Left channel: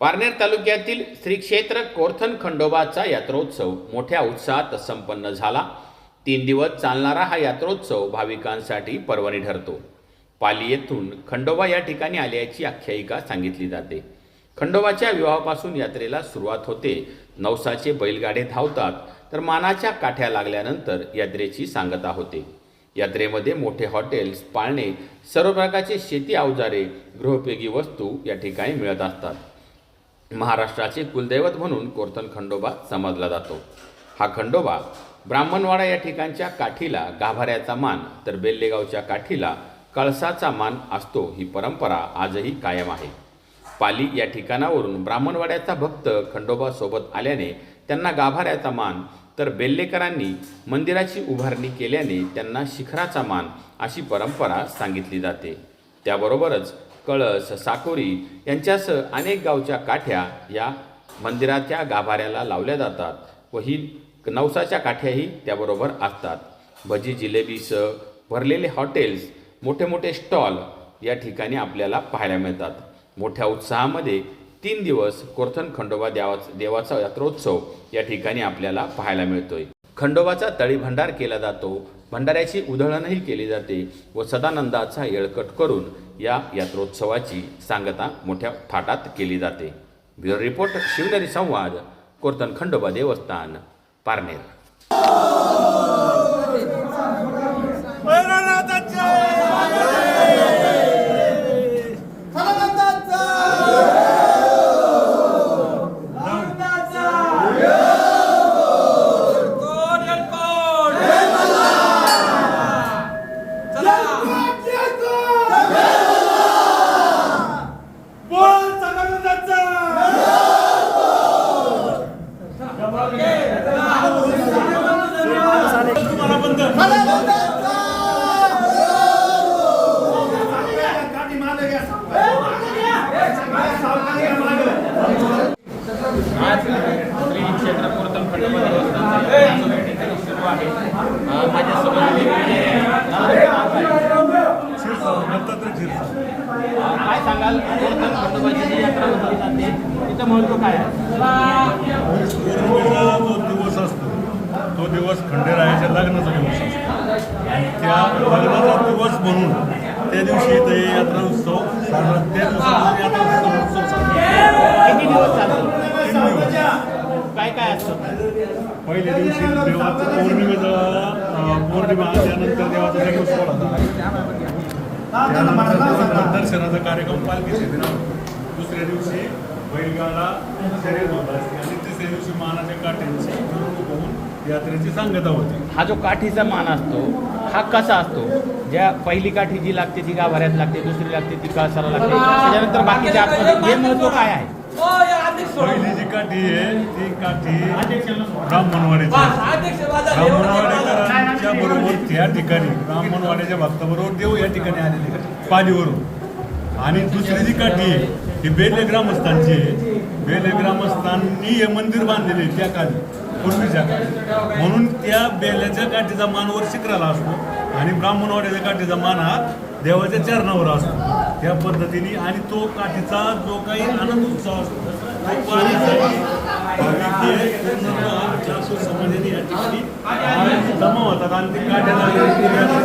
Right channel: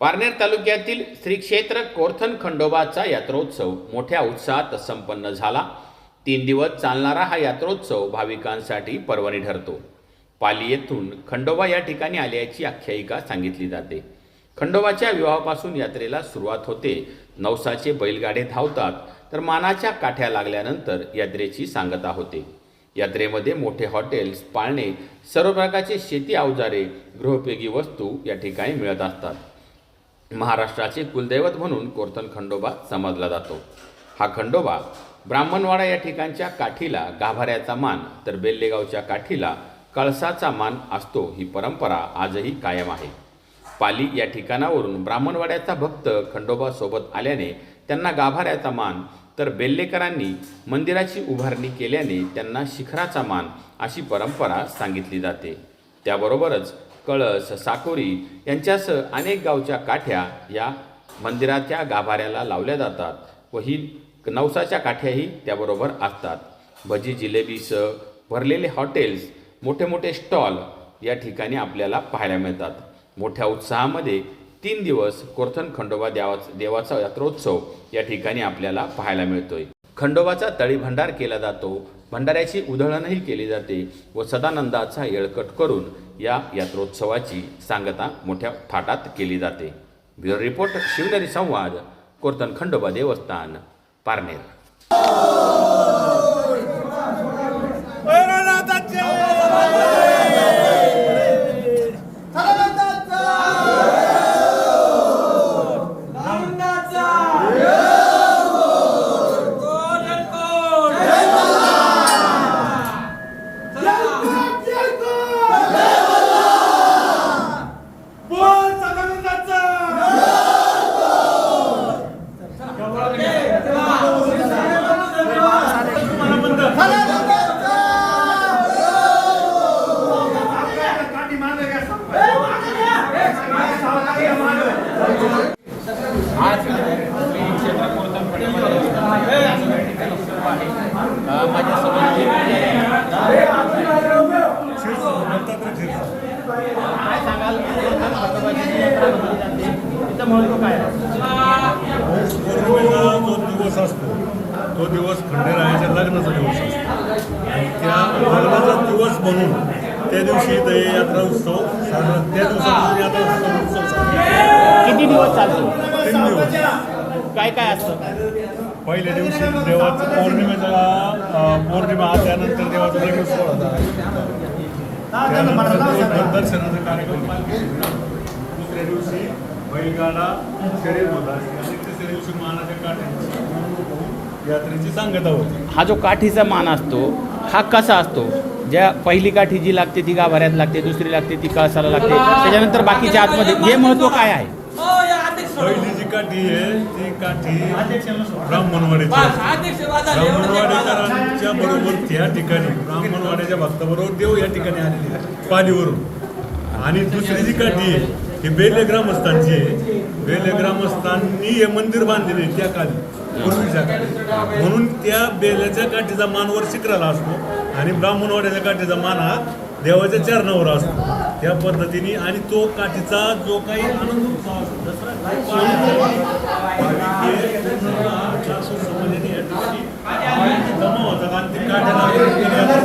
पारनेर तालुक्यातील श्री क्षेत्र कोरथन खंडोबाचा यात्रोत्सव मोठ्या उत्साहात संपन्न झाला. तीन दिवस चालणारा हा यात्रोत्सव भाविकांसाठी पर्वणी ठरतो. पाली येथून खंडोबा या ठिकाणी आल्याची आख्यायिका सांगितली जाते. खंडोबाच्या विवाहापासून यात्रेला सुरुवात होते. नवसाचे बैलगाडे धावतात तर मानाच्या काठ्या लागल्यानंतर यात्रेची सांगता होते. यात्रेमध्ये मोठे हॉटेल्स पाळणे सर्व प्रकारचे शेती अवजारे गृहोपयोगी वस्तू या ठिकाणी मिळत असतात. महाराष्ट्राचे कुलदैवत म्हणून कोरतन खंडोबा समजला जातो. हा खंडोबा ब्राह्मणवाडा या ठिकाणच्या काठीला गाभाऱ्याचा मान तर बेल्लेगावच्या काठीला कळसाचा मान असतो ही परंपरा आजही कायम आहे. पाली या ठिकाणावरून ब्राह्मणवाड्याचा भक्त खंडोबा सोबत आल्याने त्यांना गाभाऱ्याचा मान तर बेल्लेकरांनी मंदिराची उभारणी केल्याने त्यांना शिखराचा मान अशी परंपरा सांगितली जाते. त्याबरोबरच कळस साकोरी यांच्यासह अनेक गावच्या काठ्या या मंदिराच्या गाभाऱ्याला लावल्या जातात व ही नवसाच्या काठ्याही त्याबरोबर असतात. भजी जिलेबीसह भरलेले हॉटेल्स मोठे मोठे स्टॉल या ठिकाणी आपल्याला पाहायला मिळतात. मोठ्या उत्साहामध्ये तीन दिवस कोरथन खंडोबा देवाचा देवाचा यात्रोत्सव या ठिकाणी आपल्याला पाहायला मिळतोय. खंडोबाचा तळी भंडार केला जातो. भंडाऱ्याची उधळणही केली जाते व सदानंदाचा येळकट करून या यात्रोत्सवाची सांगता मोठ्या थाटात केली जाते. ब्युरो रिपोर्ट शिवनेरी संवाद कोर्तन खंडोबा देवस्थान पारनेर. महत्त्व काय पौर्णिमेचा जो दिवस असतो तो दिवस खंडेरायाच्या लग्नाचा दिवस असतो. आणि त्या लग्नाचा दिवस म्हणून त्या दिवशी हे यात्रा उत्सव साजरा त्या दिवसापासून यात्रा उत्सव उत्सव साजरा किती दिवस चालतो? तीन दिवस. काय काय असतं? पहिल्या दिवशी देवाचं पौर्णिमेचा पौर्णिमा त्यानंतर देवाचा देखील सोहळा. त्यानंतर दर्शनाचा कार्यक्रम. दुसऱ्या दिवशी शरीर होता मानाच्या काठ्यांची होऊन यात्रेची सांगता होती. हा जो काठीचा मान असतो हा कसा असतो? ज्या पहिली काठी जी लागते ती गाभाऱ्यात लागते दुसरी लागते ती कळसाला लागते. त्याच्यानंतर बाकीच्या आतमध्ये हे महत्त्व काय आहे? पहिली जी काठी आहे ती काठी ब्राह्मणवाडीची. ब्राह्मणवाडेकरांच्या बरोबर त्या ठिकाणी ब्राह्मणवाड्याच्या भक्ताबरोबर देव या ठिकाणी आलेले पालीवरून. आणि दुसरी जी काठी आहे ही बेले ग्रामस्थांची आहे. बेले ग्रामस्थांनी हे मंदिर बांधलेले आहे त्या काळी पूर्वीच्या काळी म्हणून त्या बेल्याच्या काठीचा मान वर शिखराला असतो आणि ब्राह्मणवाड्याच्या काठीचा मान हा देवाच्या चरणावर असतो. त्या पद्धतीने आणि तो काठीचा जो काही आनंद उत्सव असतो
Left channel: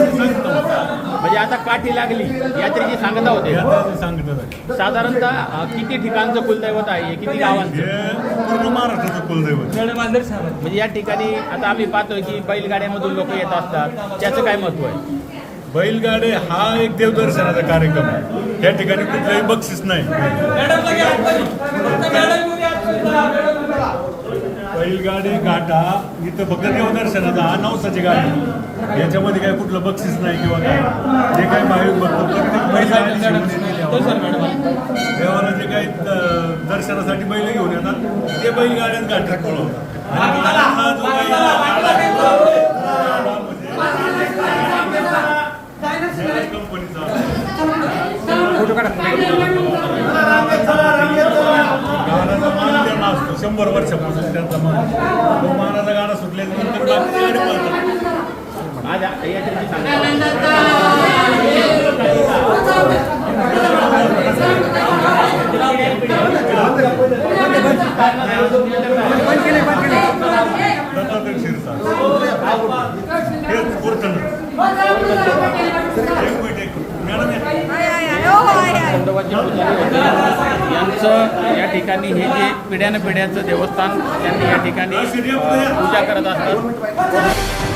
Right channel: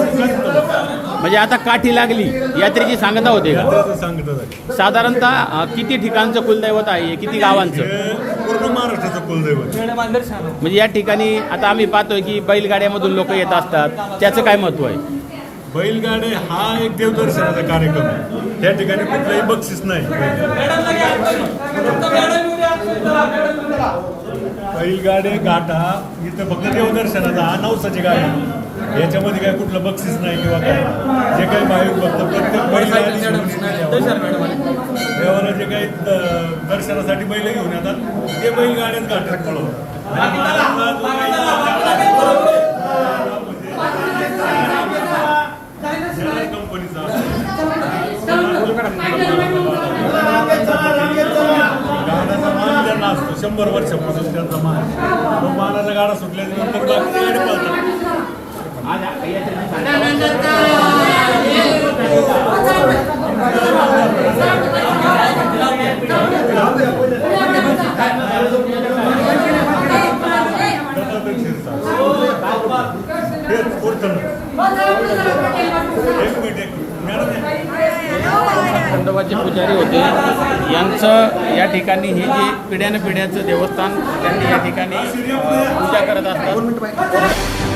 म्हणजे आता काठी लागली यात्रेची सांगता होते. सांगत साधारणतः किती ठिकाणचं कुलदैवत आहे? किती गावांचं? पूर्ण महाराष्ट्राचं कुलदैवत म्हणजे या ठिकाणी आता आम्ही पाहतोय की बैलगाड्यामधून लोक येत असतात. त्याचं काय महत्त्व आहे? बैलगाडे हा एक देवदर्शनाचा कार्यक्रम आहे. या ठिकाणी कुठलंही बक्षीस नाही. बैलगाडी घाटा इथं फक्त देवदर्शनाचा हा नवसाची गाडी. याच्यामध्ये काय कुठलं बक्षीस नाही किंवा काय. जे काही भाविक भक्त प्रत्येक बैलगाडी देवाला. जे काही दर्शनासाठी बैल घेऊन येतात ते बैलगाड्यात घाटात पळवतात आणि घाटातला जो काही गाण्याचा मान त्यांना असतो शंभर वर्षापासून त्यांचा मान तो मानाचा गाडा सुटल्यानंतर नंतर बाकीची गाडी पळतात आज यात्रेची सांगता बोलताना एक मिनिट एक मिनिट मॅडम या. खंडोबाचे पुजारी होते यांचं या ठिकाणी हे जे पिढ्यानं पिढ्याचं देवस्थान त्यांनी या ठिकाणी पूजा करत असतात.